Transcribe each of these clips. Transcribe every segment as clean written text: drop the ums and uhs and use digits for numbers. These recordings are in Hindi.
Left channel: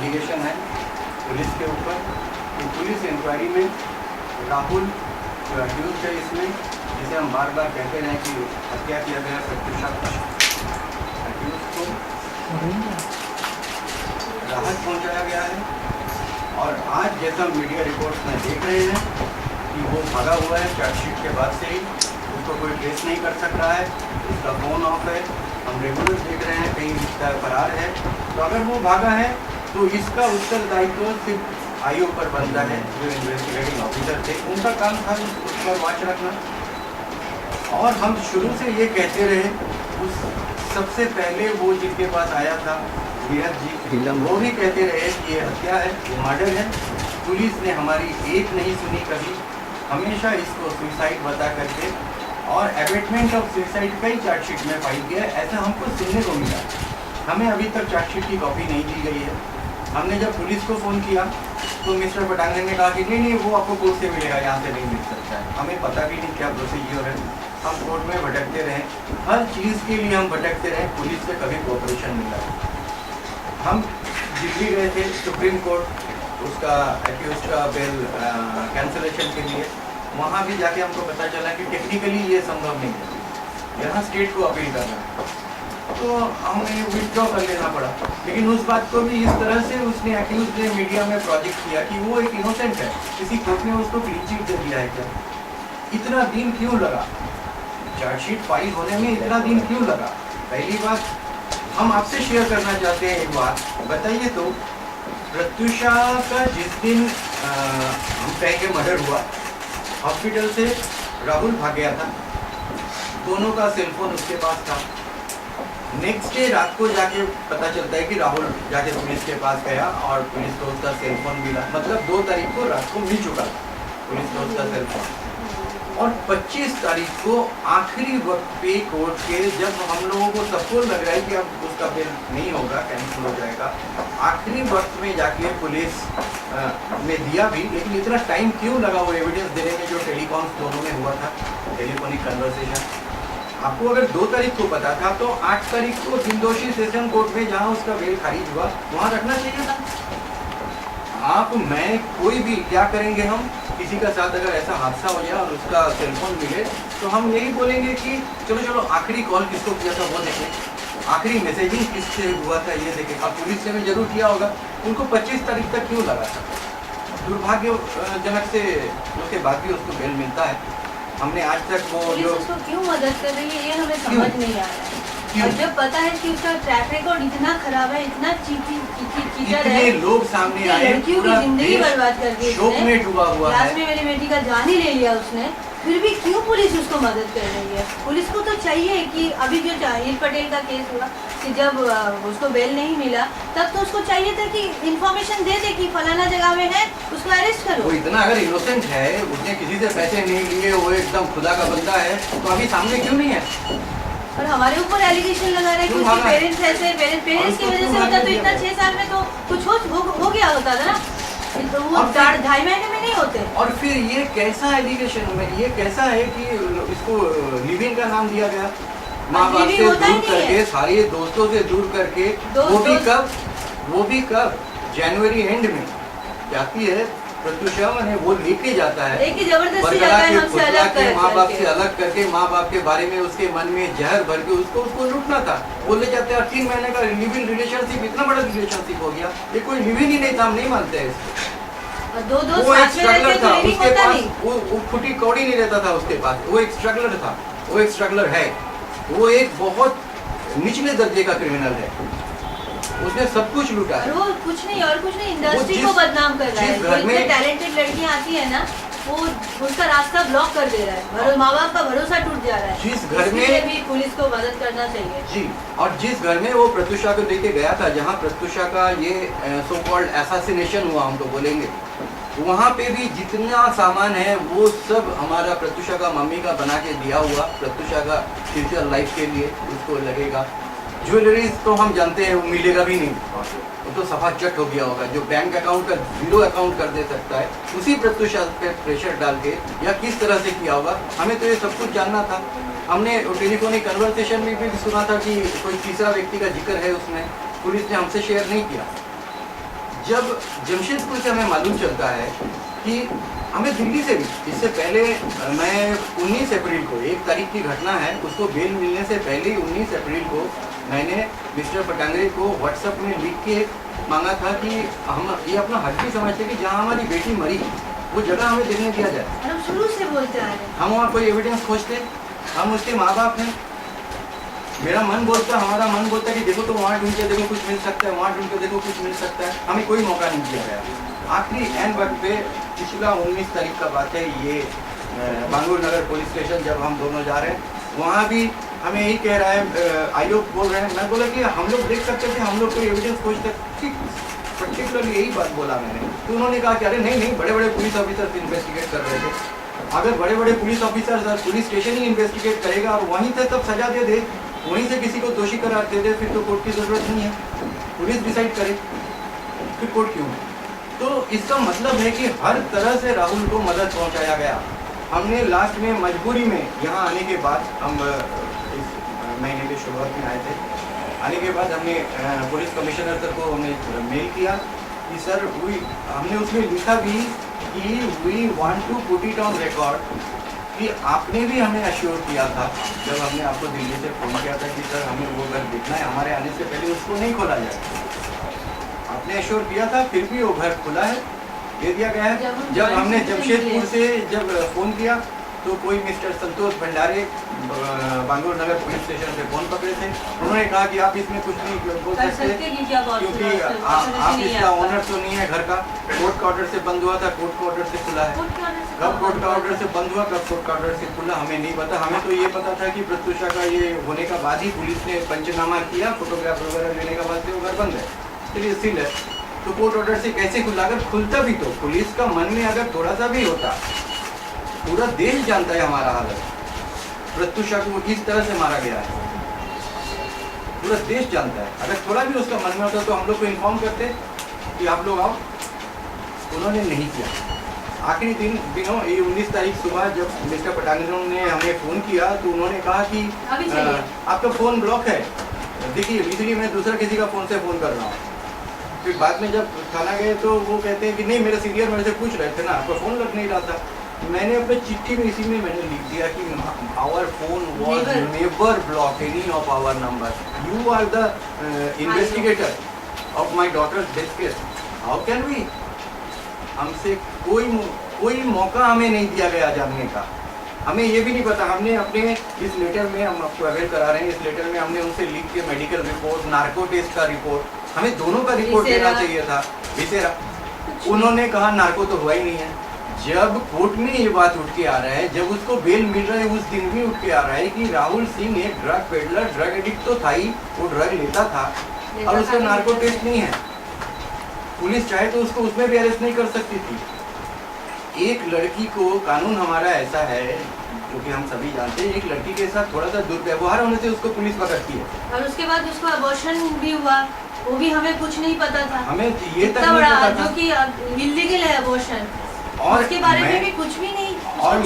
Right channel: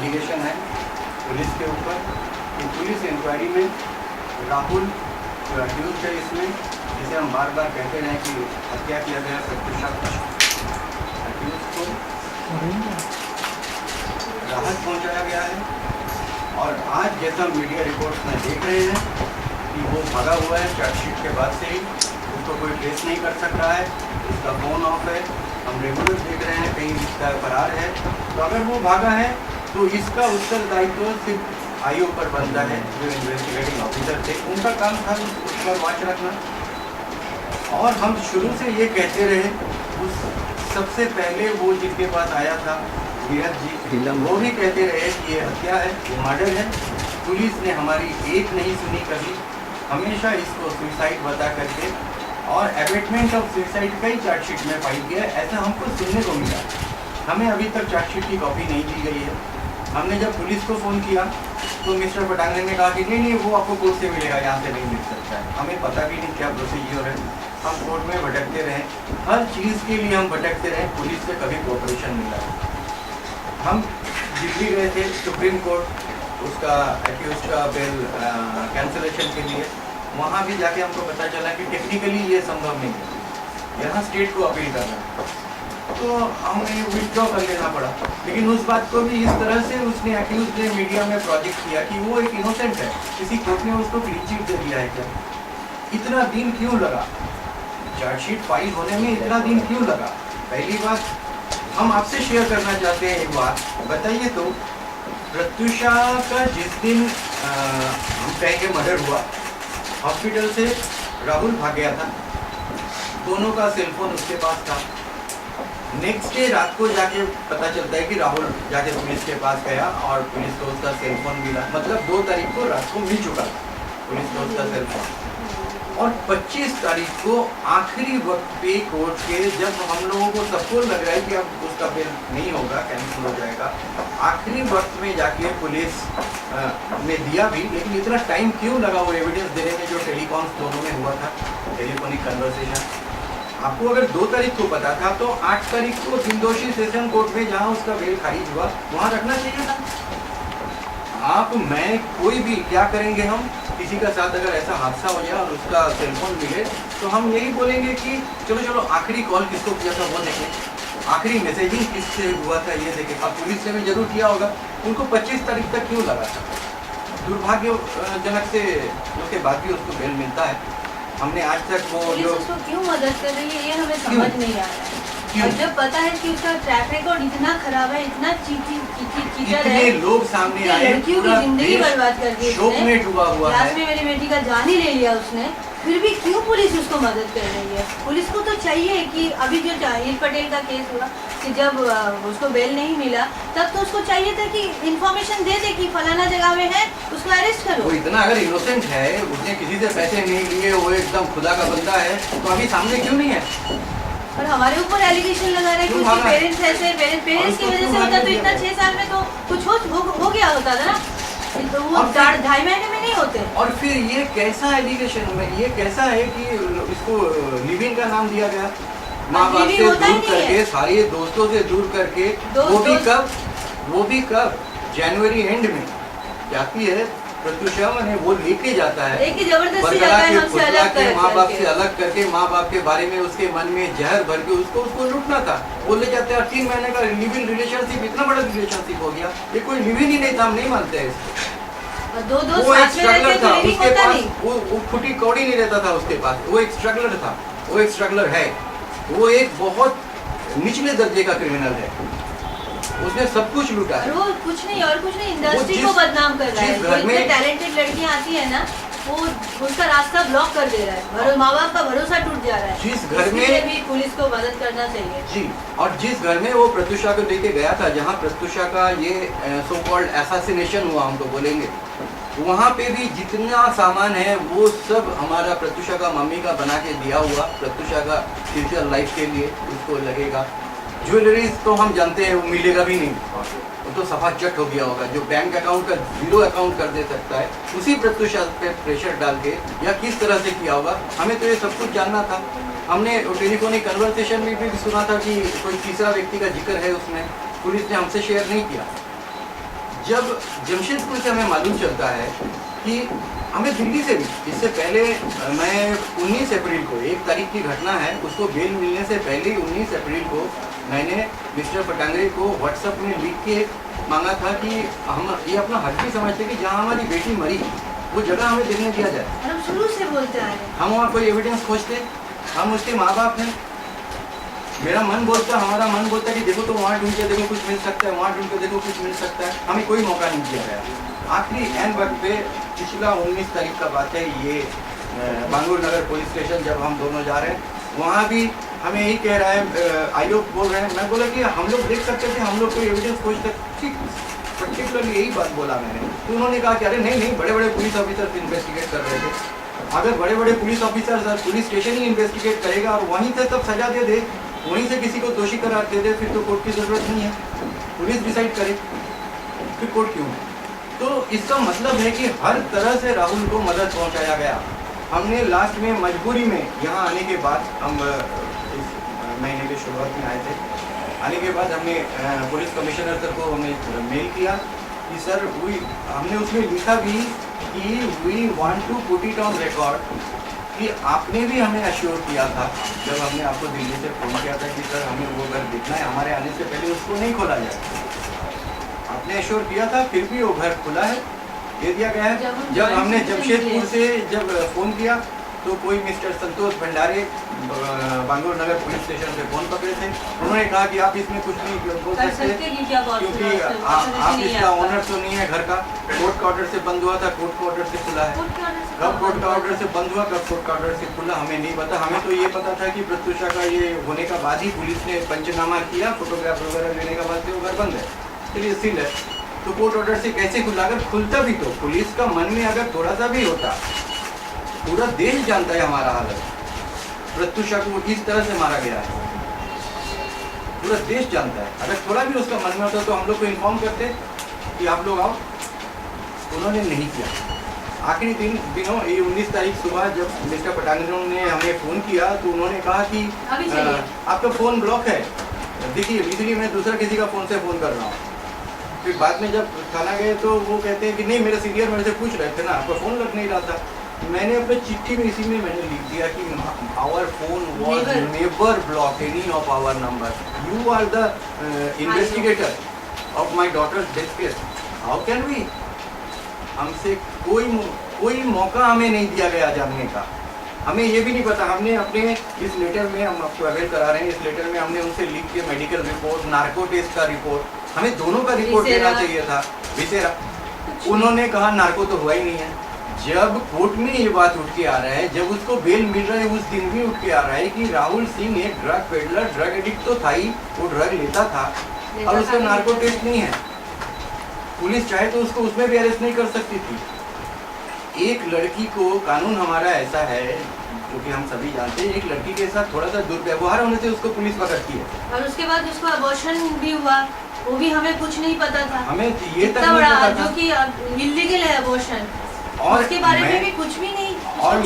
एलिगेशन है पुलिस के ऊपर कि पुलिस इंक्वायरी में राहुल जो अक्यूज है इसमें, जिसे हम बार बार कहते रहे कि हत्या किया गया प्रत्युषा अक्यूज को राहत पहुंचाया गया है। और आज जैसा मीडिया रिपोर्ट्स में देख रहे हैं कि वो भागा हुआ है चार्जशीट के बाद से ही, उसको कोई ट्रेस नहीं कर सक रहा है, उसका फ़ोन ऑफ है, हम रेगुलर देख रहे हैं कहीं इसका फरार है। तो अगर वो भागा है तो इसका उत्तरदायित्व सिर्फ आईओ पर बनता है, जो इन्वेस्टिगेटिंग ऑफिसर थे, उनका काम था उस पर वॉच रखना। और हम शुरू से ये कहते रहे, उस सबसे पहले वो जिसके पास आया था वीरज जी, वो भी कहते रहे कि ये हत्या है, ये मर्डर है। पुलिस ने हमारी एक नहीं सुनी कभी, हमेशा इसको सुसाइड बता करके, और एबेटमेंट ऑफ सुसाइड कई चार्जशीट में पाई गया, ऐसा हमको सुनने को मिला। हमें अभी तक चार्जशीट की कॉपी नहीं दी गई है। हमने जब पुलिस को फ़ोन किया तो मिस्टर पटांगन ने कहा कि नहीं वो आपको कोर्ट से मिलेगा, यहाँ से नहीं मिल सकता है। हमें पता भी नहीं क्या प्रोसीजर है, हम कोर्ट में भटकते रहे, हर चीज़ के लिए हम भटकते रहे, पुलिस से कभी कोऑपरेशन मिला। हम दिल्ली गए थे सुप्रीम कोर्ट, उसका एक्यूज का बेल कैंसिलेशन के लिए, वहाँ भी जाके हमको पता चला कि टेक्निकली ये संभव नहीं है, यहाँ स्टेट को अपील करना, तो हमें विथड्रॉ कर लेना पड़ा। लेकिन उस बात को भी इस तरह से उसने एक्यूज ने मीडिया में प्रोजेक्ट किया कि वो एक इनोसेंट है, किसी कोर्ट ने उसको क्लीन चिट दे दिया है। क्या इतना दिन क्यों लगा, चार्जशीट फाइल होने में इतना दिन क्यों लगा? पहली बात हम आपसे शेयर करना चाहते हैं, एक बात बताइए तो, प्रत्युषा का जिस दिन हम कहेंगे मर्डर हुआ, हॉस्पिटल से राहुल भाग गया था, दोनों का सेलफोन उसके पास था। नेक्स्ट डे रात को जाके पता चलता है कि राहुल जाके पुलिस के पास गया और पुलिस को उसका सेलफोन मिला, मतलब 2 तारीख को रात को मिल चुका था पुलिस को उसका सेलफोन। और 25 तारीख को आखिरी वक्त पे कोर्ट के, जब हम लोगों को सबको लग रहा है कि अब उसका बेल नहीं होगा, कैंसिल हो जाएगा, आखिरी वक्त में जाके पुलिस ने दिया भी। लेकिन इतना टाइम क्यों लगा वो एविडेंस देने में, जो टेलीकॉन्स दोनों में हुआ था, टेलीफोनिक कन्वर्सेशन? आपको अगर 2 तारीख को पता था तो 8 तारीख को निर्दोषी सेशन कोर्ट में जहां उसका बेल खारिज हुआ वहां रखना चाहिए था। आप मैं कोई भी क्या करेंगे, हम किसी का साथ अगर ऐसा हादसा हो जाए और उसका सेलफोन मिले तो हम यही बोलेंगे कि चलो आखिरी कॉल किसको किया था वो देखें, आखिरी मैसेजिंग किससे हुआ था ये देखें। अब पुलिस ने भी जरूर किया होगा, उनको 25 तारीख तक क्यों लगा? दुर्भाग्यजनक से उसके बाद भी उसको बेल मिलता है। हमने आज तक वो जो उसको क्यों मदद कर रही है ये हमें समझ नहीं आ रहा है। और जब पता है कि उसका ट्रैक रिकॉर्ड इतना खराब है, इतना चीटर है, लोग सामने आए, लड़कियों की जिंदगी बर्बाद कर दी, शोक में डूबा हुआ है, में मेरी बेटी का जान ही ले लिया उसने, फिर भी क्यों पुलिस उसको मदद कर रही है? पुलिस को तो चाहिए कि अभी जो जाहिर पटेल का केस हुआ कि जब उसको बेल नहीं मिला, तब तो उसको चाहिए था कि इंफॉर्मेशन दे दे कि फलाना जगह में है, उसको अरेस्ट करो। वो इतना अगर इनोसेंट है, उसने किसी से पैसे नहीं लिए, वो एकदम खुदा का बंदा है, तो अभी सामने क्यों नहीं है? और हमारे ऊपर एलिगेशन लगा रहे हैं कि उसके पेरेंट्स ऐसे, पेरेंट्स की वजह से होता तो इतना 6 साल में तो कुछ हो गया होता था ना, तो वो 2.5 महीने में नहीं होते। और फिर ये कैसा एलिगेशन में, ये कैसा है कि इसको लिविंग का नाम दिया गया, माँ बाप से दूर करके, सारे दोस्तों से दूर करके, वो भी कब जनवरी एंड में जाती है प्रत्युषा, मैंने वो लेके जाता है, जबरदस्ती जाता है, हमसे अलग करके, माँ बाप से अलग करके, माँ बाप के बारे में उसके मन में जहर भर के उसको लूटना था। वो ले जाते हैं 3 महीने का लिविंग रिलेशनशिप, इतना बड़ा रिलेशनशिप हो गया, ये कोई लिविंग ही नहीं था, हम नहीं मानते हैं इसको। वो एक स्ट्रगलर था उसके पास, वो फुटी कौड़ी नहीं रहता था उसके पास, वो एक स्ट्रगलर था, वो एक स्ट्रगलर है, वो एक बहुत निचले दर्जे का क्रिमिनल है, उसने सब कुछ लूटा है। वो कुछ नहीं और कुछ नहीं, इंडस्ट्री को बदनाम कर रहा है। जो इतने टैलेंटेड लड़कियां आती है ना, वो उसका रास्ता ब्लॉक कर दे रहा है, माँ बाप का भरोसा टूट जा रहा है। जिस घर में भी पुलिस को मदद करना चाहिए जी, और जिस घर में वो प्रत्युषा को लेके गया था, जहाँ प्रत्युषा का ये सो कॉल्ड असैसिनेशन हुआ, हम तो बोलेंगे, वहाँ पे भी जितना सामान है वो सब हमारा प्रत्युषा का मम्मी का बना के दिया हुआ, प्रत्युषा का फ्यूचर लाइफ के लिए उसको लगेगा। ज्वेलरीज तो हम जानते हैं वो मिलेगा भी नहीं, वो तो सफा चट हो गया होगा। जो बैंक अकाउंट का 0 अकाउंट कर दे सकता है, उसी प्रत्युषा पे प्रेशर डाल के या किस तरह से किया होगा, हमें तो ये सब कुछ जानना था। हमने टेलीफोनिक कन्वर्सेशन में भी सुना था कि कोई तीसरा व्यक्ति का जिक्र है उसमें, पुलिस ने हमसे शेयर नहीं किया। जब जमशेदपुर से हमें मालूम चलता है कि हमें दिल्ली से भी, इससे पहले मैं 19 अप्रैल को, 1 तारीख की घटना है, उसको बेल मिलने से पहले ही 19 अप्रैल को मैंने मिस्टर पटांगरे को व्हाट्सएप में लिख के मांगा था कि हम ये अपना हक भी समझते कि जहाँ हमारी बेटी मरी वो जगह हमें देखने दिया जाए। हम शुरू से बोलते आ रहे हैं। हम वहाँ कोई एविडेंस खोजते, हम उसके माँ बाप हैं, मेरा मन बोलता, हमारा मन बोलता कि देखो तो वहाँ ढूंढ के देखो कुछ मिल सकता है, वहाँ ढूंढ के देखो कुछ मिल सकता है, हमें कोई मौका नहीं दिया गया। आखिरी एंड वक्त पे पिछला 19 तारीख का बात है, ये बांगूर नगर पुलिस स्टेशन जब हम दोनों जा रहे हैं, वहाँ भी हमें यही कह रहा है, आयोग बोल रहे हैं, मैं बोला कि हम लोग देख सकते थे, हम लोग कोई एविडेंस खोजते, पर्टिकुलरली यही बात बोला मैंने। तो उन्होंने कहा कि अरे नहीं, बड़े बड़े पुलिस ऑफिसर्स इन्वेस्टिगेट कर रहे थे। अगर बड़े बड़े पुलिस ऑफिसर्स पुलिस स्टेशन ही इन्वेस्टिगेट करेगा और वहीं से तब सजा दे दे, वहीं से किसी को दोषी करार दे दे, फिर तो कोर्ट की जरूरत नहीं है, पुलिस डिसाइड करे, फिर कोर्ट क्यों? तो इसका मतलब है कि हर तरह से राहुल को मदद पहुंचाया गया। हमने लास्ट में मजबूरी में यहाँ आने के बाद, हम इस महीने की शुरुआत में आए थे, आने के बाद हमने पुलिस कमिश्नर सर को हमने मेल किया कि सर हमने उसमें लिखा भी कि we want to put it on record कि आपने भी हमें अश्योर किया था जब हमने आपको दिल्ली से फ़ोन किया था कि सर हमें वो घर देखना है, हमारे आने से पहले उसको नहीं खोला जाए। आपने अश्योर किया था, फिर भी वो घर खुला है, दे दिया गया है। जब हमने जमशेदपुर से जब फ़ोन किया तो कोई मिस्टर संतोष भंडारे बांगूर नगर पुलिस स्टेशन पे फ़ोन पकड़े थे, उन्होंने कहा कि आप इसमें कुछ नहीं बोल सकते क्योंकि आप इसका ऑनर तो नहीं है घर का, कोर्ट का ऑर्डर से बंद हुआ था, कोर्ट का ऑर्डर से खुला है। कब कोर्ट का ऑर्डर से बंद हुआ, कब कोर्ट का ऑर्डर से खुला, हमें नहीं पता। हमें तो ये पता था कि प्रत्युषा का ये होने का बाद ही पुलिस ने पंचनामा किया, फोटोग्राफ वगैरह लेने के बाद से वो घर बंद है, चलिए सील है। तो कोर्ट ऑर्डर से कैसे खुला? अगर खुलता भी तो पुलिस का मन में अगर थोड़ा सा भी होता, पूरा देश जानता है हमारा हालत, प्रत्युषा को किस तरह से मारा गया है, पूरा देश जानता है। अगर थोड़ा भी उसका मन में होता तो हम लोग को इन्फॉर्म करते कि आप लोग आओ, उन्होंने नहीं किया। आखिरी दिनों ये 19 तारीख सुबह जब मिस्टर पटांगरे ने हमें फ़ोन किया तो उन्होंने कहा कि आपका फ़ोन ब्लॉक है, देखिए इसलिए मैं दूसरा किसी का फ़ोन से फ़ोन कर रहा हूँ। फिर बाद में जब थाना गए तो वो कहते हैं कि नहीं, मेरे सीनियर मेरे से पूछ रहे थे ना, आपका फ़ोन लग नहीं रहा था। मैंने अपने चिट्ठी में इसी में मैंने लिख दिया कि our phone was never block any of our number, you are the investigator of my daughter's death case, how can we? हमसे कोई मौका हमें नहीं दिया गया जानने का। हमें ये भी नहीं पता, हमने अपने इस लेटर में, हम आपको अवेल करा रहे हैं, इस लेटर में हमने उनसे लिख के मेडिकल रिपोर्ट, नार्को टेस्ट का रिपोर्ट, हमें दोनों का रिपोर्ट देना चाहिए था, विसेरा। उन्होंने कहा नार्को तो हुआ ही नहीं है। जब कोर्ट में ये बात उठ के आ रहा है, जब उसको बेल मिल रहा है, उस दिन भी उठ के आ रहा है कि राहुल सिंह एक ड्रग पेडलर, ड्रग एडिक्ट तो था ही, वो ड्रग लेता था और उसका नार्को टेस्ट नहीं है। पुलिस चाहे तो उसको उसमें भी अरेस्ट नहीं कर सकती थी। एक लड़की को, कानून हमारा ऐसा है जो कि हम सभी जानते हैं, एक लड़की के साथ थोड़ा सा दुर्व्यवहार होने से उसको पुलिस पकड़ती है। और उसके बाद उसको अबॉर्शन भी हुआ, वो भी हमें कुछ नहीं पता था, हमें ये तक नहीं बड़ा पता था जो कि इल्लीगल है अबॉर्शन, और उसके बारे में भी कुछ भी नहीं। और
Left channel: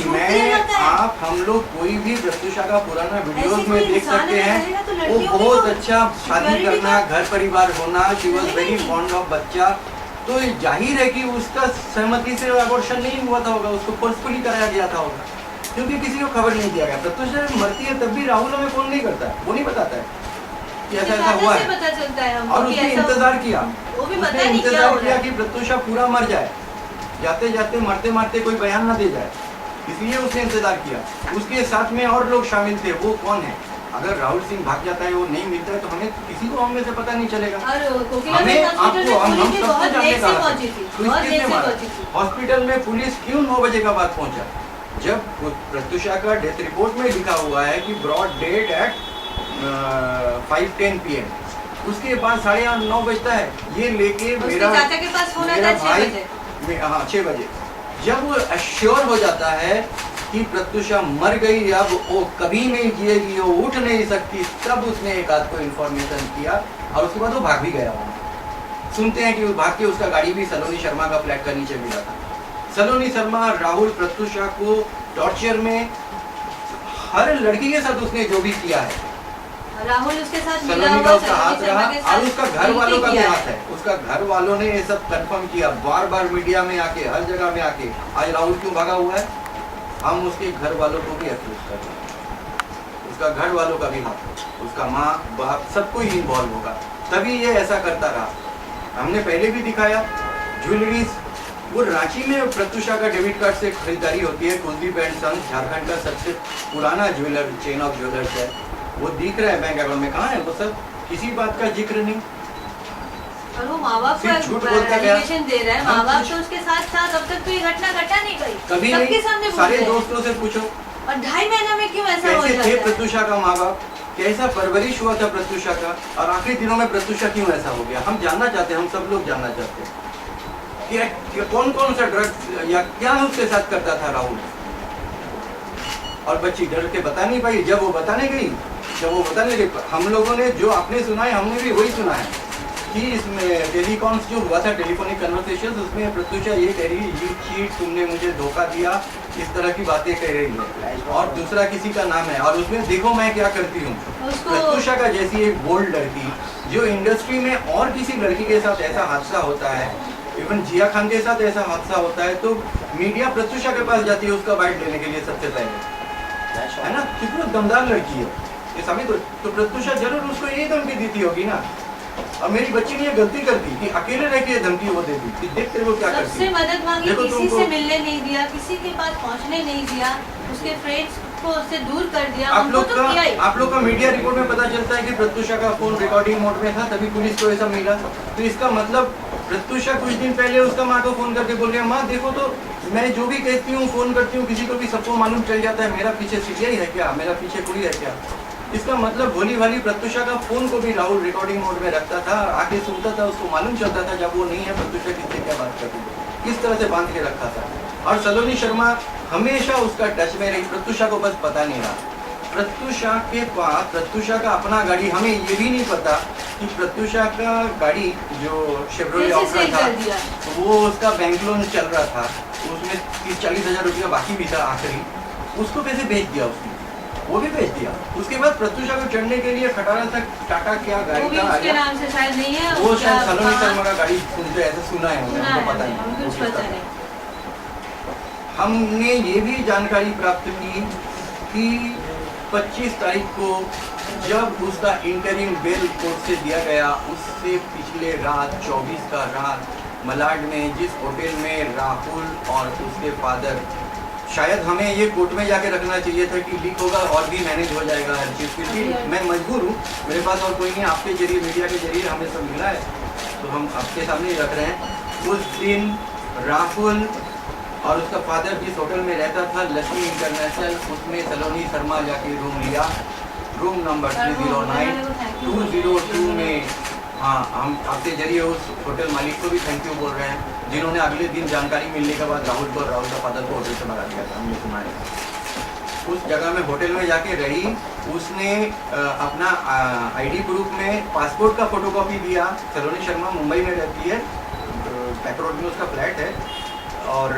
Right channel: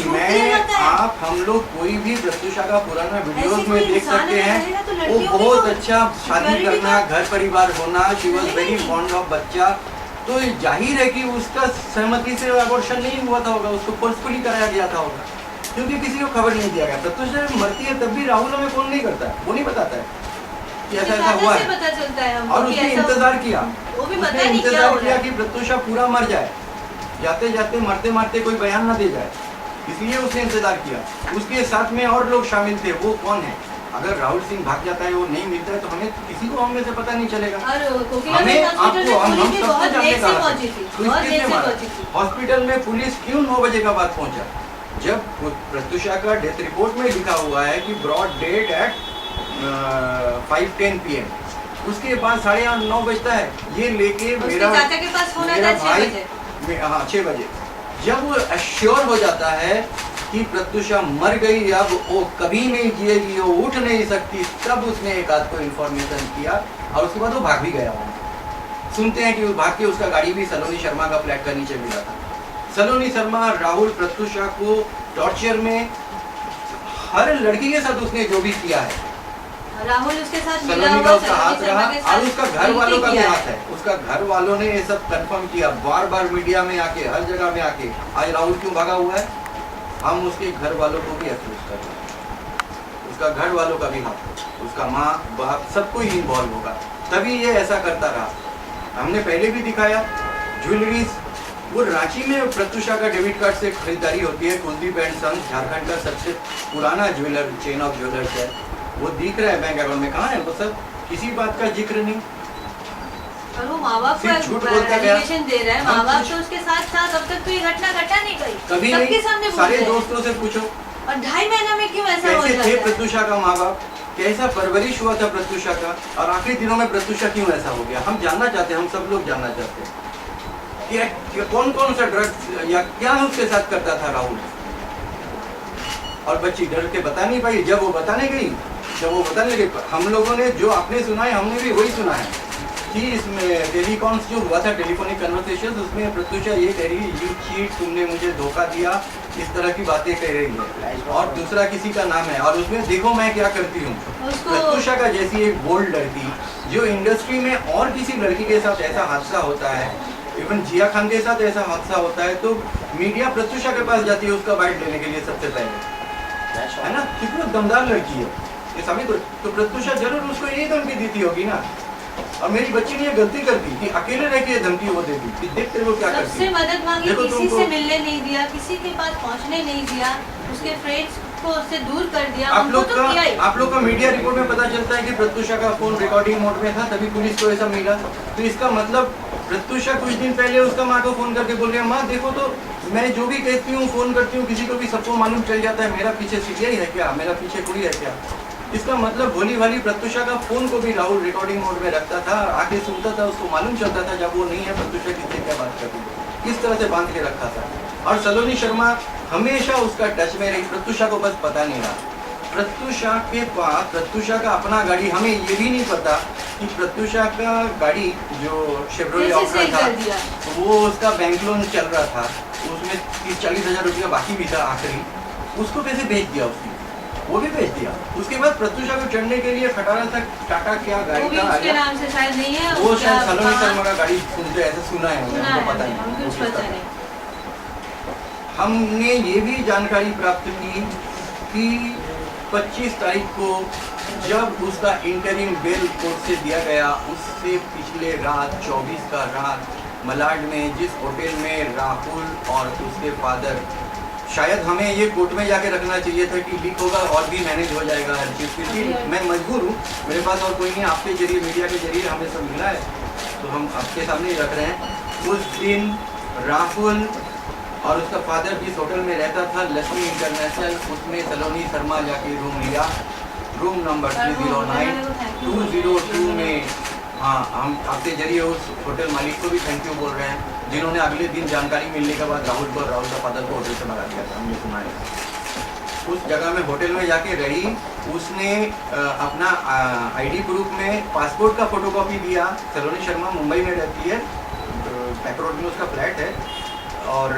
हम लोग कोई भी प्रत्युषा का पुराना वीडियोस में देख सकते हैं, तो वो बहुत अच्छा शादी करना, घर परिवार होना, she was very fond of बच्चा, तो जाहिर है कि उसका सहमति से अबॉर्शन नहीं हुआ था होगा, उसको फोर्सफुली कराया गया था होगा, क्योंकि किसी को खबर नहीं दिया गया। प्रत्युषा मरती है तब भी राहुल हमें फोन नहीं करता है, वो नहीं बताता है कि ऐसा ऐसा हुआ है, पता चलता है और उसने इंतजार किया, वो भी उसने इंतजार किया कि प्रत्युषा पूरा मर जाए, जाते जाते मरते मरते कोई बयान ना दे जाए, इसलिए उसने इंतजार किया। उसके साथ में और लोग शामिल थे, वो कौन है? अगर राहुल सिंह भाग जाता है, वो नहीं मिलता है, तो हमें किसी को हमने से पता नहीं चलेगा। हमें आपको हम सबको जानने का हॉस्पिटल में पुलिस क्यों 9 बजे का बाद पहुंचा? जब प्रत्युषा का डेथ रिपोर्ट में लिखा हुआ है कि ब्रॉड डेड एट 5:10 PM, उसके बाद 8:30-9 बजता है, ये लेके मेरा भाई, हाँ 6 बजे, जब वो अश्योर हो जाता है कि प्रत्युषा मर गई, अब वो कभी नहीं जिएगी, वो उठ नहीं सकती, तब उसने एक आध को इन्फॉर्मेशन किया और उसके बाद वो भाग भी गया। सुनते हैं कि वो भाग के उसका गाड़ी भी सलोनी शर्मा का फ्लैट का नीचे मिला था। सलोनी शर्मा राहुल प्रत्युषा को टॉर्चर में, हर लड़की के साथ उसने जो भी किया है, राहुल उसके साथ मिला सलोनी हुआ का उसका हाथ सलोनी शर्मा रहा के साथ और उसका घर वालों का भी किया हाथ है। उसका घर वालों ने ये सब कंफर्म किया, बार बार मीडिया में आके, हर जगह में आके। आज राहुल क्यों भागा हुआ है? हम उसके घर वालों को भी अक्यूज कर रहे हैं। उसका घर वालों का भी हाथ, उसका माँ बाप सबको ही इन्वॉल्व होगा, तभी ये ऐसा करता रहा। हमने पहले भी दिखाया ज्वेलरीज, वो रांची में प्रत्युषा का डेबिट कार्ड से खरीदारी होती है। कुलदीप एंड सन्स झारखंड का सबसे पुराना ज्वेलर चेन ऑफ ज्वेलर्स है, वो दिख रहा है बैंक अकाउंट में। कहाँ है वो सब? किसी बात का जिक्र नहीं। और वो माँ बाप सिर्फ झूठ बोलता गया। एलिगेशन दे रहा है, हम माँ बाप कुछ- तो उसके साथ था, तब तक तो ये घटना घटा नहीं गई, कभी सबके सामने नहीं। बोल सारे रहे हैं। दोस्तों से पूछो और 2.5 महीना में क्यों ऐसा हो कैसे जाता थे है? प्रत्युषा का माँ बाप, कैसा परवरिश हुआ था प्रत्युषा का, और आखिरी दिनों में प्रत्युषा क्यों ऐसा हो गया। हम जानना चाहते हैं, हम सब लोग जानना चाहते हैं कि कौन कौन सा ड्रग्स या क्या उसके साथ करता था राहुल। और बच्ची डर के बता नहीं पाई। जब वो बताने गई, हम लोगों ने जो आपने सुना है, हमने भी वही सुना है कि इसमें टेलीकॉन्स जो हुआ था, टेलीफोनिक कन्वर्सेशन, उसमें प्रत्युषा ये कह रही है, यू चीट, तुमने मुझे धोखा दिया, इस तरह की बातें कह रही है, और दूसरा किसी का नाम है। और उसमें देखो मैं क्या करती हूँ। प्रत्युषा का जैसी एक बोल्ड लड़की, जो इंडस्ट्री में और किसी लड़की के साथ ऐसा हादसा होता है, इवन जिया खान के साथ ऐसा हादसा होता है, तो मीडिया प्रत्युषा के पास जाती है उसका बाइट लेने के लिए सबसे पहले, है ना। कितना दमदार लड़की है ये समय। तो प्रत्युषा जरूर उसको यही धमकी देती होगी ना। और मेरी बच्ची ने ये गलती कर दी कि अकेले रह के धमकी वो दे दी कि देख तेरे को क्या करती सबसे है। मदद मांगी, देखो किसी तुमको- से मिलने नहीं दिया, किसी के पास पहुंचने नहीं दिया, उसके फ्रेंड्स को उससे दूर कर दिया। आप हमको तो किया ही। लोग का मीडिया रिपोर्ट में पता चलता है कि प्रत्युषा का फोन रिकॉर्डिंग मोड में था, तभी पुलिस को ऐसा मिला। तो इसका मतलब प्रत्युषा कुछ दिन पहले उसका माँ को फोन करके बोल रही है, माँ देखो तो मैं जो भी कहती हूँ, फोन करती हूँ किसी को भी, सबको मालूम चल जाता है मेरा पीछे सीबीआई है क्या, मेरा पीछे कोई है क्या। इसका मतलब भोली भाली प्रत्युषा का फोन को भी राहुल रिकॉर्डिंग मोड में रखता था, आके सुनता था, उसको मालूम चलता था जब वो नहीं है प्रत्युषा किससे क्या बात कर रही है, किस तरह से बांध के रखा था। और सलोनी शर्मा हमेशा उसका टच में रही, प्रत्युषा को बस पता नहीं रहा। प्रत्युषा के पास, प्रत्युषा का अपना गाड़ी, हमें ये भी नहीं पता कि प्रत्युषा का गाड़ी जो शेवरोलेट कैसे ऑप्ट्रा सही था, कर दिया? वो उसका बैंक लोन चल रहा था, उसमें 30-40 हजार रुपया बाकी भी था आखिरी, उसको पैसे भेज दिया उसने, वो भी भेज दिया। उसके बाद प्रत्युषा को चढ़ने के लिए खटारा तक टाटा क्या वो गाड़ी भी का उसके आया, नाम से शायद नहीं है, वो उसका शायद सलोनी वहाँ- शर्मा का गाड़ी सुनते ऐसा सुना है, सुना हमको है, पता नहीं, हमको कुछ वो पता किसका नहीं। हमने ये भी जानकारी प्राप्त की कि 25 तारीख को जब उसका इंटरिम बेल कोर्ट से दिया गया, उससे पिछले रात 24 का रात मलाड में जिस होटल में राहुल और उसके फादर, शायद हमें ये कोर्ट में जाके रखना चाहिए था कि लीक होगा और भी मैनेज हो जाएगा हर चीज़, क्योंकि मैं मजबूर हूँ, मेरे पास और कोई नहीं, आपके जरिए, मीडिया के जरिए हमें सब मिला है, तो हम आपके सामने ही रख रहे हैं। उस दिन राहुल और उसका फादर जिस होटल में रहता था, लक्ष्मी इंटरनेशनल, उसमें सलोनी शर्मा जाके रूम लिया, रूम नंबर 309 202 में। हाँ, हम आपके जरिए उस होटल मालिक को भी थैंक यू बोल रहे हैं, जिन्होंने अगले दिन जानकारी मिलने के बाद राहुल को और राहुल का फादर को होटल से भगा दिया था, हमने सुना है। उस जगह में होटल में जाके रही, उसने अपना आईडी प्रूफ में पासपोर्ट का फोटोकॉपी दिया। सलोनी शर्मा मुंबई में रहती है, पैक रोड में उसका फ्लैट है, और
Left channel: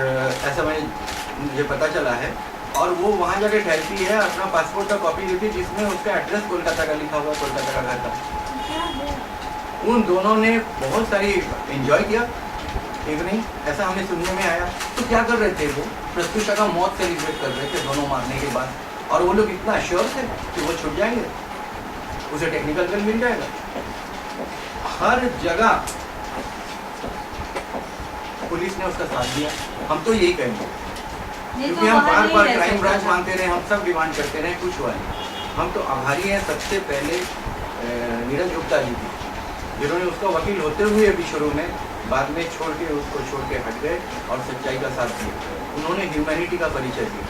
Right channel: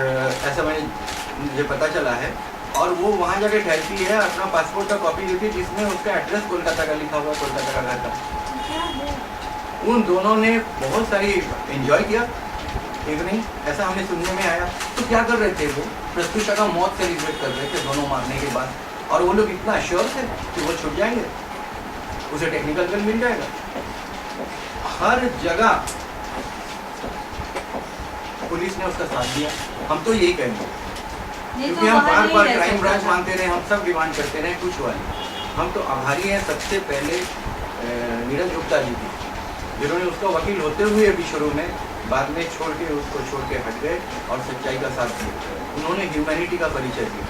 ऐसा मुझे पता चला है। और वो वहाँ जाके ठहरती है, अपना पासपोर्ट का कॉपी देती है जिसमें उसका एड्रेस कोलकाता का लिखा हुआ है, कोलकाता का घर था। उन दोनों ने बहुत सारी एंजॉय किया इवनिंग, ऐसा हमें सुनने में आया। तो क्या कर रहे थे वो? प्रत्युषा का मौत सेलिब्रेट कर रहे थे दोनों मारने के बाद, और वो लोग इतना श्योर थे कि वो छूट जाएंगे, उसे टेक्निकल बिल मिल जाएगा। हर जगह पुलिस ने उसका साथ दिया। हम तो यही कहेंगे, क्योंकि हम बार बार क्राइम ब्रांच मांगते रहे, हम सब डिमांड करते रहे, कुछ हुआ नहीं। हम तो आभारी हैं सबसे पहले नीरज गुप्ता जी की, जिन्होंने उसका वकील होते हुए भी शुरू में, बाद में छोड़ के हट गए और सच्चाई का साथ दिया। उन्होंने ह्यूमैनिटी का परिचय दिया।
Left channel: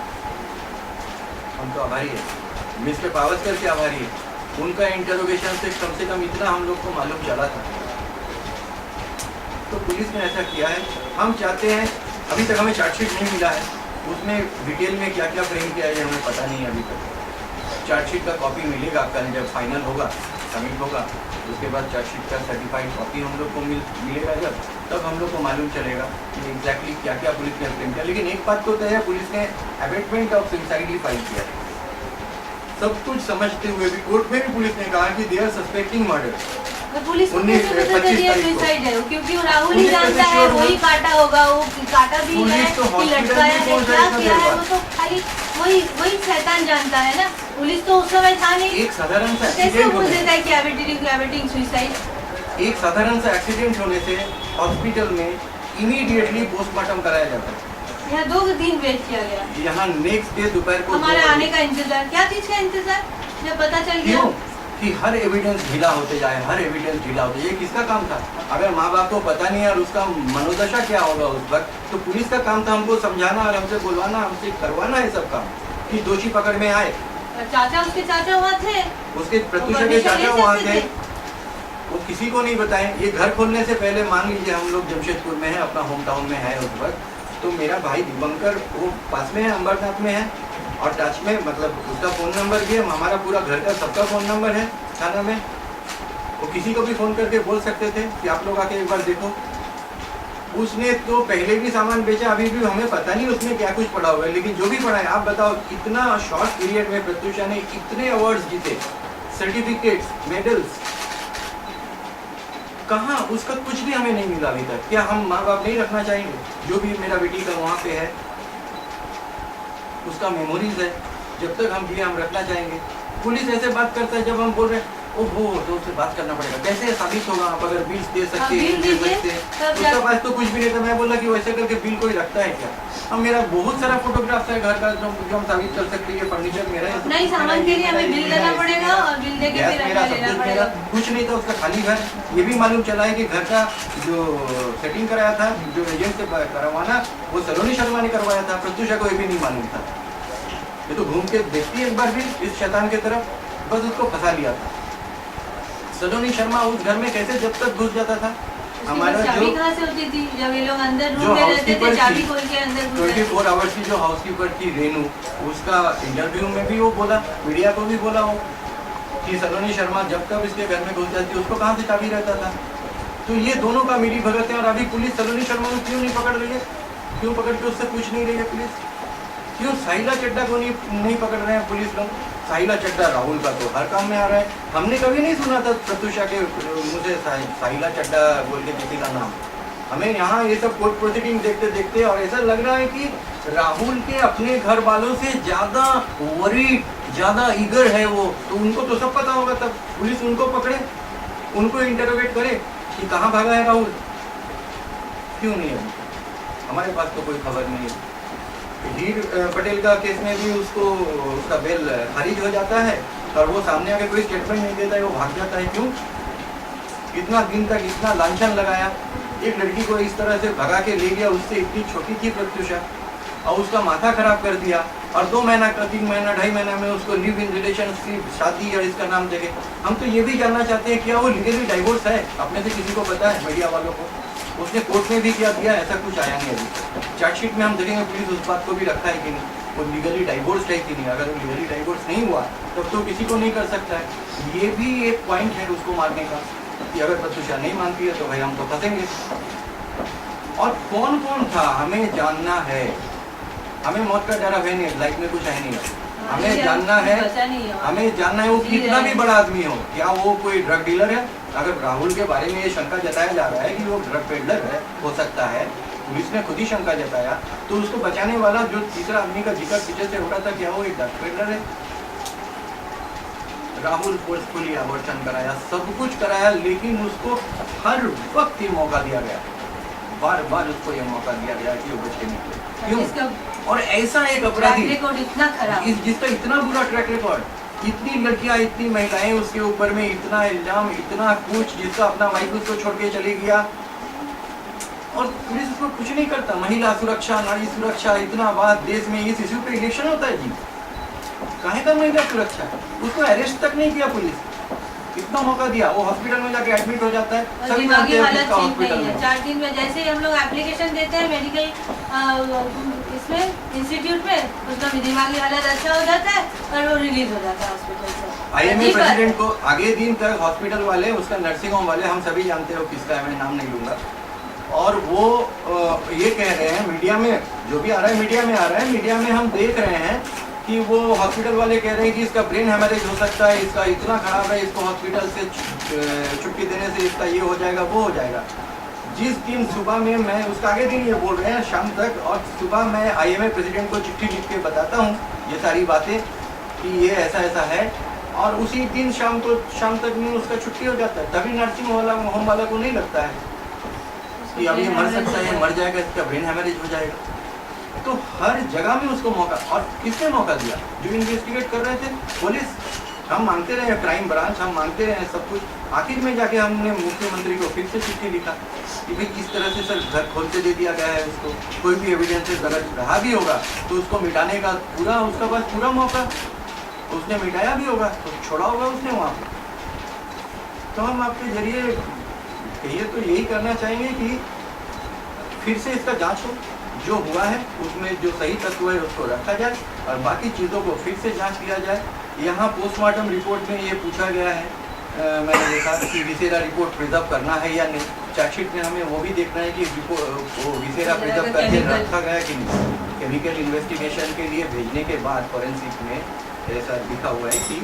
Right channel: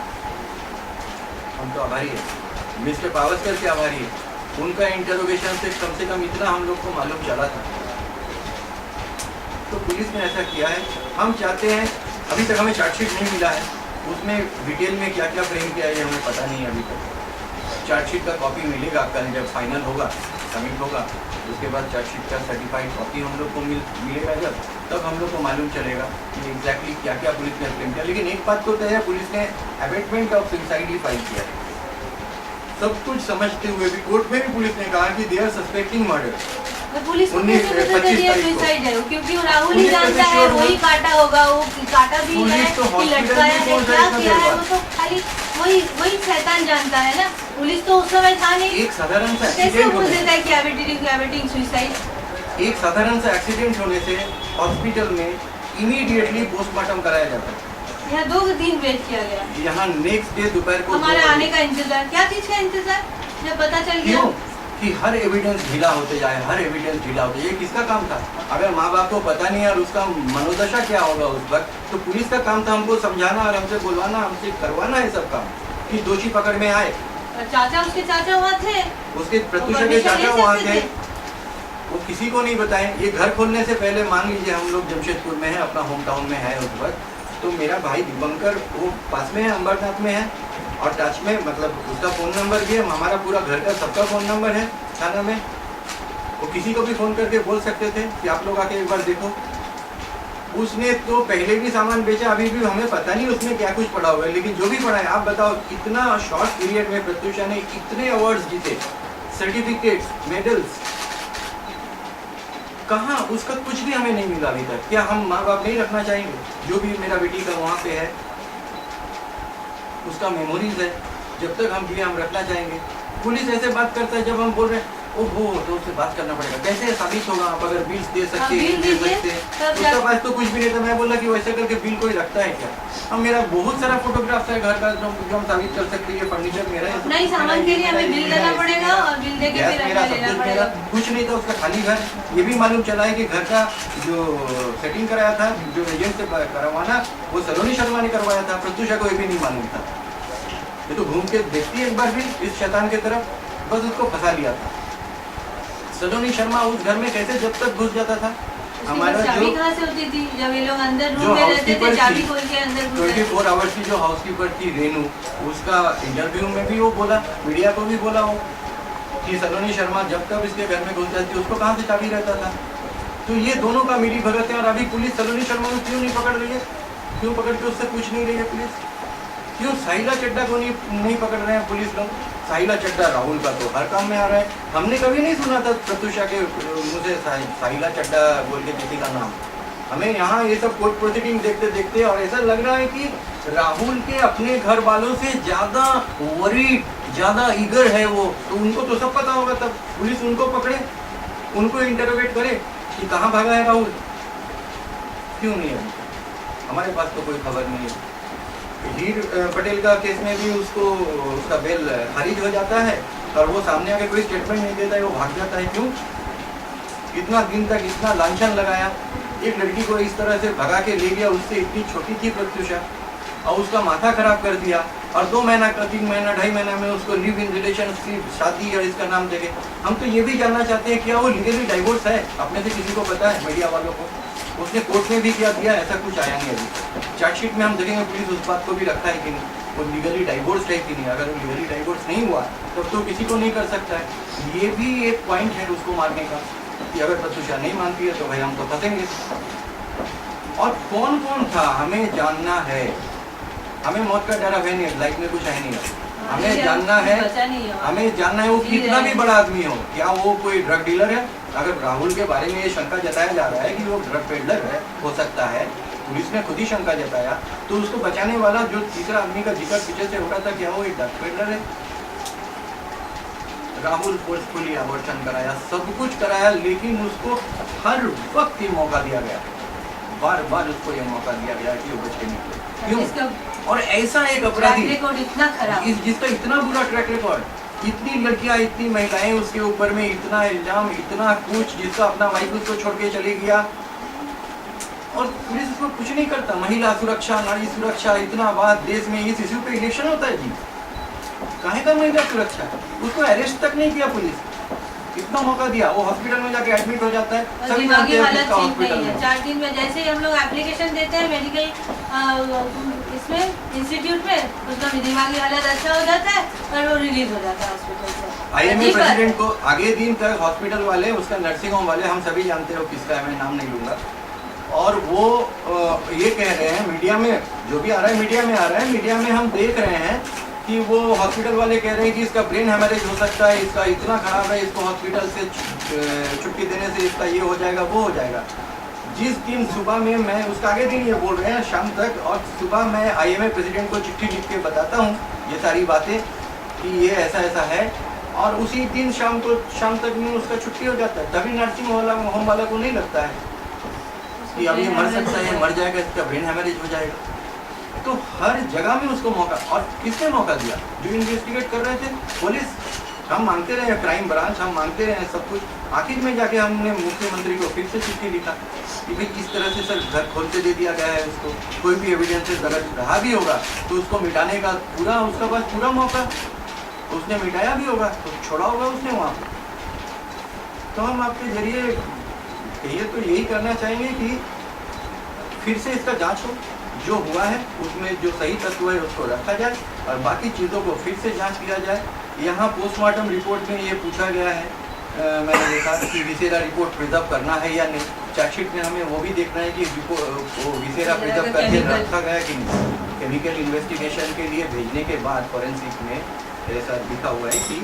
हम तो आभारी हैं। मिस्टर पावस्कर के आभारी है, उनका इंटरोगेशन से कम इतना हम लोग को मालूम चला था। तो पुलिस ने ऐसा किया है। हम चाहते हैं, अभी तक हमें चार्जशीट नहीं मिला है, उसमें डिटेल में क्या क्या फ्रेम किया है हमें पता नहीं है अभी तक। चार्जशीट का कॉपी मिलेगा कल, जब फाइनल होगा, सबमिट होगा, उसके बाद चार्जशीट का सर्टिफाइड कॉपी हम लोग को मिलेगा जब, तब हम लोग को मालूम चलेगा कि एग्जैक्टली क्या क्या पुलिस ने फ्रेम किया। लेकिन एक बात तो तय है, पुलिस ने अबेटमेंट ऑफ सुसाइड ही फाइल किया है। सब कुछ समझते हुए भी कोर्ट में भी पुलिस ने कहा कि दे आर सस्पेक्टिंग मर्डर। तो पुलिस को 19 कैसे पता 25 चलिए तारीख को। सुसाइड है, क्योंकि वो राहुल ही 19 जानता है, तारीख को वही काटा होगा, वो काटा भी पुलिस है तो कि हॉस्पिटल लटकाया में है, पहुंचा क्या इतना किया देर है, बाद। वो तो खाली वही शैतान जानता है ना। पुलिस तो उस समय था नहीं, एक साधारण सा कैसे एक्सीडेंट बोल होने देता है कि कैविटिंग सुसाइड। एक साधारण सा एक्सीडेंट होने से हॉस्पिटल में इमीडिएटली पोस्टमार्टम कराया जाता है। यहाँ 2 दिन वेट किया गया, यहाँ नेक्स्ट डे दोपहर को हमारे 2 आने बजे। का इंतजार, क्या चीज का इंतजार, जब पता चल गया। क्यों कि हर एविडेंस ढीला होते जाए, हर एविडेंस ढीला होते जाए। ये किसका काम था? अगर माँ बाप को पता नहीं और उसका मनोदशा क्या होगा उस वक्त, तो पुलिस का काम था हमको समझाना और हमसे बुलवाना, हमसे करवाना है सब काम कि दोषी पकड़ में आए। चाचा, उसके चाचा वहाँ थे, उसके प्रत्युषा के परमिशन चाचा ले वहाँ सकते थे, वो किसी को नहीं बताएं। ये घर खोलने से पहले मान लीजिए हम लोग जमशेदपुर में है, अपना होम टाउन में है उस वक्त, तो मेरा भाई दिवंकर वो पास में है, अंबरनाथ में है और टच में, मतलब उसका फोन नंबर भी है, हमारा पूरा घर का सबका फोन नंबर है थाना में। वो किसी को भी फोन करके बोल सकते थे कि आप लोग आके एक बार देखो। उसने तो पहले भी सामान बेचा, अभी भी हमें पता नहीं उसमें क्या कुछ पड़ा हुआ है, लेकिन जो भी पड़ा है, आप बताओ इतना शॉर्ट पीरियड में प्रत्युषा ने इतने अवार्ड्स जीते, सर्टिफिकेट्स, मेडल्स, कहाँ उसका कुछ भी हमें नहीं मिला अभी तक। क्या हम माँ बाप नहीं रखना चाहेंगे? जो भी मेरा बेटी का वहाँ पे है उसका मेमोरीज है, जब तक हम जिए हम रखना चाहेंगे। पुलिस ऐसे बात करता है जब हम बोल रहे हैं ओहो तो उससे बात करना पड़ेगा, कैसे साबित होगा? आप अगर बिल्स दे सकते हैं, बिल दे दीजिए, सकते हैं, तब उसका पास तो कुछ भी नहीं था। मैं बोला कि वैसे करके बिल कोई रखता है क्या? अब मेरा बहुत सारा फोटोग्राफ्स है घर का जो हम साबित कर सकते हैं, फर्नीचर मेरा है, नहीं सामान के लिए हमें बिल देना पड़ेगा और बिल देके गैस फिर मेरा, हमें सब लेना कुछ पड़ेगा। मेरा, कुछ नहीं था उसका, खाली घर। ये भी मालूम चला है कि घर का जो सेटिंग कराया था, जो एजेंट से करवाना, वो सलोनी शर्मा ने करवाया था। प्रत्युषा को ये भी नहीं मालूम था। ये तो घूम के देखती है एक बार भी इस शैतान की तरफ, बस उसको फंसा लिया था। सलोनी शर्मा उस घर में कैसे जब तक घुस जाता था? हमारा चाबी जो कहाँ से होती थी जब ये लोग अंदर जो रूम में रहते हाउसकीपर थे, चाबी थी, खोल के अंदर घुस जाते 24 आवर्स की जो हाउसकीपर थी रेनू, उसका इंटरव्यू में भी वो बोला, मीडिया को भी बोला वो कि सलोनी शर्मा जब तक इसके घर में घुस जाती उसको कहाँ से चाबी रहता था। तो ये दोनों का मिली भगत है। और अभी पुलिस सलोनी शर्मा को क्यों नहीं पकड़ रही है? क्यों पकड़ के उससे पूछ नहीं रही है पुलिस? क्यों साहिला चड्डा को नहीं पकड़ रहे हैं पुलिस लोग? साहिला चड्डा राहुल का तो हर काम में आ रहा है। हमने कभी नहीं सुना था प्रत्युषा के मुँह से साहिला चड्डा बोल के किसी का नाम। हमें यहाँ ये सब कोर्ट प्रोसीडिंग देखते देखते और ऐसा लग रहा है कि राहुल के अपने घर वालों से ज्यादा वरीड, ज्यादा ईगर है वो। तो उनको तो सब पता होगा, तब पुलिस उनको पकड़े, उनको इंटरोगेट करे कि कहाँ भागा है राहुल, क्यों नहीं है? हमारे पास तो कोई खबर नहीं है। हीर पटेल का केस में भी उसका बेल खारिज हो जाता है और वो सामने आके कोई स्टेटमेंट नहीं देता है, वो भाग जाता है। क्यों? इतना दिन तक इतना लांछन लगाया, एक लड़की को इस तरह से भगा के ले गया, उससे इतनी छोटी थी प्रत्युषा, और उसका माथा खराब कर दिया। और 2 महीना का 3 महीना 2.5 महीना में उसको लिव इन रिलेशन की शादी और इसका नाम देके। हम तो ये भी जानना चाहते हैं क्या वो लीगली डाइवोर्स है? अपने से किसी को पता है? मीडिया वालों को उसने कोर्ट में भी क्या दिया? ऐसा कुछ आया नहीं अभी। चार्जशीट में हम देखेंगे पुलिस उस बात को भी रखा है कि नहीं, वो लीगली डाइवोर्स है कि नहीं। अगर वो लीगली डाइवोर्स नहीं हुआ तब तो किसी को नहीं कर सकता है। ये भी एक पॉइंट है उसको मारने का कि अगर प्रत्युषा नहीं मानती है तो भाई हम तो फंसेंगे। और कौन कौन था हमें जानना है। हमें मौत का डर है नहीं, लाइफ में कुछ है नहीं, हमें जानना है। हमें जानना है वो कितना भी बड़ा आदमी हो, क्या वो कोई ड्रग डीलर है? अगर राहुल के बारे में ये शंका जताया जा रहा है कि वो ड्रग पेडलर है, हो सकता है, पुलिस ने खुद ही शंका जताया, तो उसको बचाने वाला जो तीसरा आदमी का जिक्र पीछे से हो रहा था, क्या वो एक ड्रग पेडलर है? राहुल फोर्सफुली अबॉर्शन कराया, सब कुछ कराया, लेकिन उसको हर वक्त ये मौका दिया गया, बार बार उसको ये मौका दिया गया कि वो बच के निकले। क्यों? और ऐसा एक अपराधी इतना खराब, जिसका इतना बुरा ट्रैक रिकॉर्ड, इतनी लड़कियां, इतनी महिलाएं उसके ऊपर में, इतना इल्जाम, इतना कुछ, जिसका अपना वाइफ उसको छोड़ के चले गया और पुलिस उसको कुछ नहीं करता। महिला सुरक्षा, नारी सुरक्षा, इतना बात देश में इस इश्यू पे इलेक्शन होता है जी, काहे का महिला सुरक्षा? उसको अरेस्ट तक नहीं किया पुलिस, इतना मौका दिया, वो हॉस्पिटल में जाके एडमिट हो जाता है। सभी जानते हैं उसका हॉस्पिटल में 4 दिन में जैसे ही हम लोग एप्लीकेशन देते हैं मेडिकल इसमें इंस्टीट्यूट में, उसका दिमागी हालत अच्छा हो जाता है और वो रिलीज हो जाता है हॉस्पिटल से। आईएमए प्रेसिडेंट को आगे दिन तक हॉस्पिटल वाले, उसका नर्सिंग होम वाले, हम सभी जानते हो किसका है, मैं नाम नहीं लूंगा, और वो ये कह रहे हैं मीडिया में, जो भी आ रहा है मीडिया में आ रहा है, मीडिया में हम देख रहे हैं कि वो हॉस्पिटल वाले कह रहे हैं कि इसका ब्रेन हेमरेज हो सकता है, इसका इतना खराब है, इसको हॉस्पिटल से छुट्टी देने से इसका ये हो जाएगा वो हो जाएगा। जिस दिन सुबह में मैं उसका आगे दिन ये बोल रहे हैं शाम तक, और सुबह मैं IMA प्रेसिडेंट को चिट्ठी लिख के बताता हूँ ये सारी बातें कि ये ऐसा ऐसा है, और उसी दिन शाम तक में उसका छुट्टी हो जाता है। तभी नर्सिंग होम वाला को नहीं लगता है कि अब ये मर सकता है, मर जाएगा, इसका ब्रेन हेमरेज हो जाएगा। तो हर जगह में उसको मौका, और किसने मौका दिया? जो इन्वेस्टिगेट कर रहे थे पुलिस। हम मांगते रहे, क्राइम ब्रांच हम मांगते रहे सब कुछ। आखिर में जाके हमने मुख्यमंत्री को फिर से चिट्ठी लिखा कि भाई किस तरह से सर घर खोल के दे दिया गया है उसको, कोई भी एविडेंस गलत रहा भी होगा तो उसको मिटाने का पूरा उसका पास पूरा मौका, उसने मिटाया भी होगा तो छोड़ा होगा उसने वहाँ पे। तो हम आपके जरिए कहिए तो यही करना चाहेंगे कि फिर से इसका जांच हो, जो हुआ है उसमें जो सही तत्व है उसको रखा जाए, और बाकी चीज़ों को फिर से जांच किया जाए। यहाँ पोस्टमार्टम रिपोर्ट में ये पूछा गया है, मैंने देखा कि विसेरा रिपोर्ट प्रिजर्व करना है या नहीं। चार्जशीट में हमें वो भी देखना है कि वो विसेरा प्रिजर्व करके रखा गया कि नहीं। केमिकल इन्वेस्टिगेशन के लिए भेजने के बाद फॉरेंसिक में ऐसा लिखा हुआ है कि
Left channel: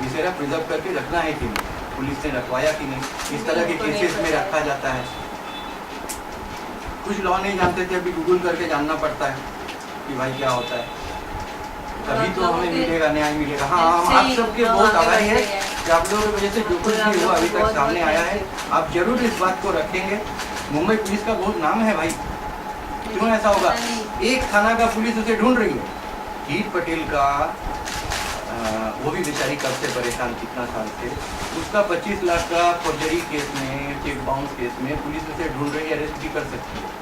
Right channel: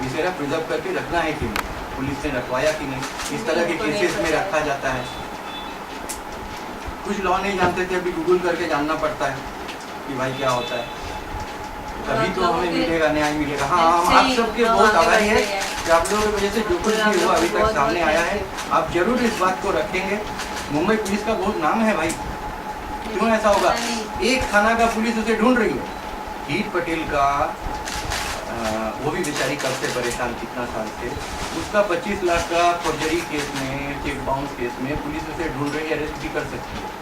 विसेरा प्रिजर्व करके रखना है कि नहीं, पुलिस ने रखवाया कि नहीं। इस तरह के केसेस में रखा जाता है। कुछ लॉ नहीं जानते थे, अभी गूगल करके जानना पड़ता है कि भाई क्या होता है, तभी तो हमें मिलेगा, न्याय मिलेगा। हाँ, हम आप सबके बहुत आभारी है कि आप लोगों की वजह से जो कुछ भी हुआ अभी तक सामने आया है। आप जरूर इस बात को रखेंगे। मुंबई पुलिस का बहुत नाम है भाई, क्यों ऐसा होगा? एक थाना का पुलिस उसे ढूंढ रही है। हीर पटेल का वो भी बेचारी कब से परेशान, कितना साल से, उसका 25 लाख का फॉर्जरी केस में, चेक बाउंस केस में पुलिस उसे ढूंढ रही है, अरेस्ट भी कर सकती है।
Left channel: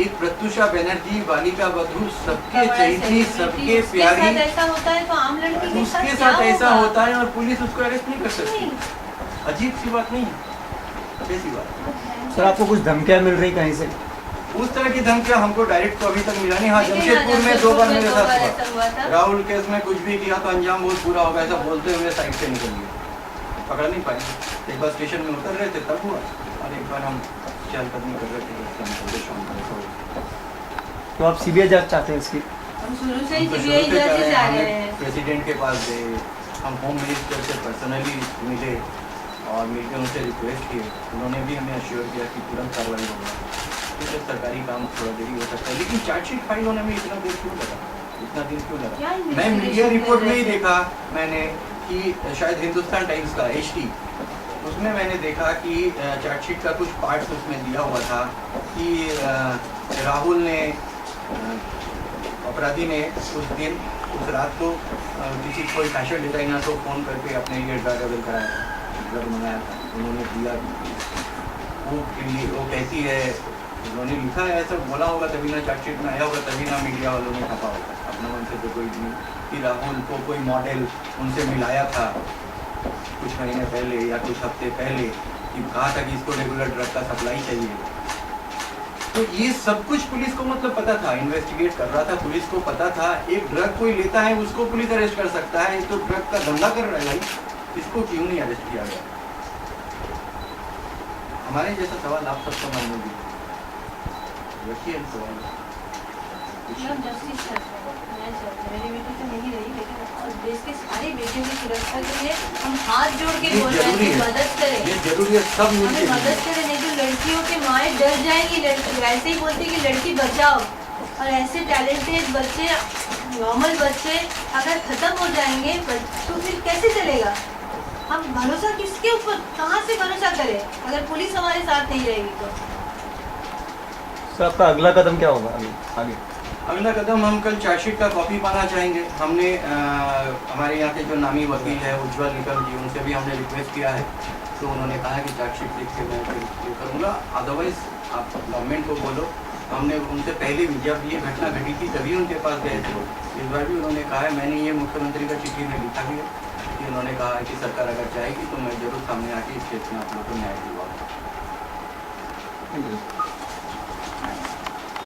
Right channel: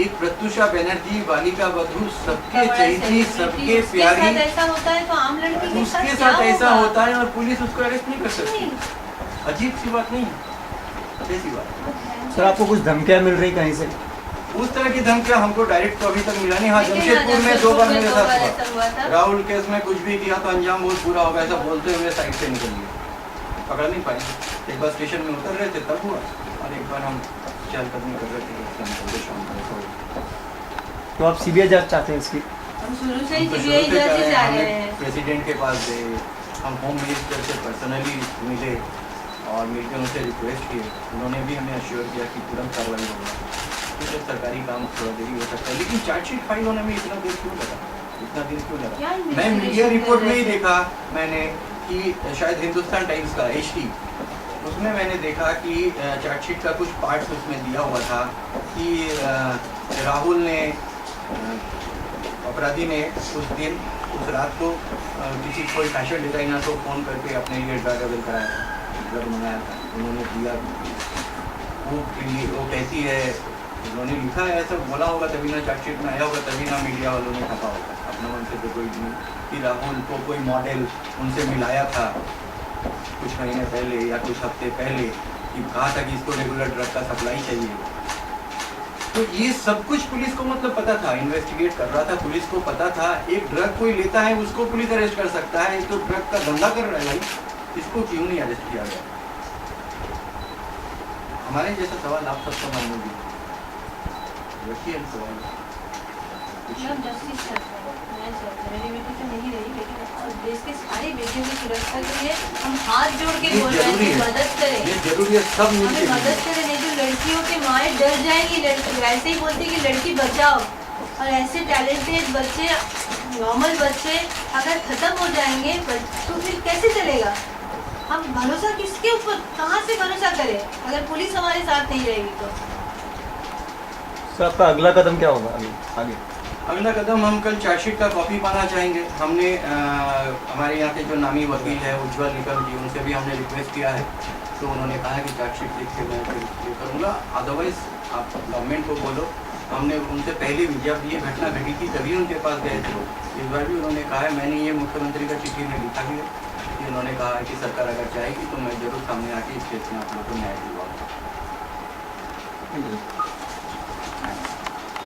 एक प्रत्युषा बनर्जी, बालिका वधू, सबके चहेती, सबके प्यारी, ऐसा होता है तो आम लड़की के उसके साथ ऐसा होता है और पुलिस उसको अरेस्ट नहीं कर सकती। अजीब सी बात नहीं, ऐसी बात। सर आपको कुछ धमकियां मिल रही कहीं से? उस तरह की धमकियां हमको डायरेक्ट तो अभी तक मिला नहीं। हाँ, जमशेदपुर में 2 बार मेरे साथ हुआ। राहुल केस में कुछ भी किया तो अंजाम बहुत बुरा होगा ऐसा बोलते हुए साइड से निकल गए, पकड़ नहीं पाए। एक बार स्टेशन में उतर रहे थे तब हुआ, और एक बार हम चहलकदमी कर रहे थे। तो आप CBI जांच चाहते हैं इसकी? हम शुरू से ही CBI जांच से जा रहे हैं। प्रेसिडेंट के पास गए, हम होम मिनिस्टर से पर्सनली मिले और मिलकर उनसे रिक्वेस्ट किए। उन्होंने भी हमें अश्योर किया कि तुरंत कार्रवाई होगा। ठीक है, सरकारी काम थोड़ा देरी हो सकता है, लेकिन चार्जशीट फाइल होने में इतना देर क्यों लगा, इतना दिन क्यों लगा? मैं मीडिया रिपोर्ट में ही देखा मैंने कि शायद हिंदुस्तान टाइम्स का HT, उसमें मैंने देखा कि चार्जशीट का कुछ पार्ट उसमें दिया हुआ था कि राहुल ने, अपराधी ने उस दिन, उस रात को किसी कोई फैशन डिजाइनर को फ़ोन करके अपने लिए ड्रग अवेल कराया, ड्रग मंगाया था, उन्होंने दिया। वो कहती है, उन्होंने लिखा है, ऐसा बोला होगा तभी ना चार्जशीट में आया होगा, तभी ना मीडिया वालों ने छापा होगा। अपना मन से तो कोई नहीं कि राहुल को कोई मॉडल उनसे मिलाया था कुछ महीने पहले या कुछ हफ्ते पहले, कि कहा था कि इसको रेगुलर ड्रग का सप्लाई चाहिए। तो ये सब कुछ पुलिस को मतलब पता था, इन्वेस्टिगेट कर रहा था, पुलिस को पता था। एक ड्रग कोई लेता है उसको पुलिस अरेस्ट कर सकता है, तो ड्रग का धंधा कर रहा है भाई, इसको क्यों नहीं अरेस्ट किया गया? हमारे जैसा सवाल आप सबको मन में भी रखिए सवाल। जस्टिस मेरी बेटी तो नहीं रही, लेकिन देश के सारे बेटियों की सुरक्षा के लिए हम हाथ जोड़ के बोल रहे हैं कि मदद करें, ये जरूरी है, सब मिलके मदद करें। नहीं तो लड़कियों के माएँ डर जाएंगी, लड़की ऐसे ही बोलती कि लड़की बचाओ, और ऐसे टैलेंटेड बच्चे, नॉर्मल बच्चे अगर खत्म हो जाएंगे तो फिर कैसे चलेगा? हम भरोसा किसके ऊपर, कहाँ से भरोसा करें अगर पुलिस हमारे साथ नहीं रहेगी तो? सर आपका अगला कदम क्या होगा आगे? अगला कदम हम कल चार्जशीट का कॉपी पाना चाहेंगे। हमने हमारे यहाँ के जो नामी वकील है उज्ज्वल निकम जी, उनसे भी हमने रिक्वेस्ट किया है, तो उन्होंने कहा है कि चार्जशीट लिख के मैं ये करूँगा, अदरवाइज आप गवर्नमेंट को बोलो। हमने उनसे पहले भी जब ये घटना घटी थी तभी उनके पास गए थे, इस बार भी उन्होंने कहा है, मैंने ये मुख्यमंत्री का चिट्ठी में लिखा भी है कि उन्होंने कहा है कि सरकार अगर चाहेगी तो मैं जरूर सामने आके इस केस में आप लोगों को न्याय दिलवाऊंगा।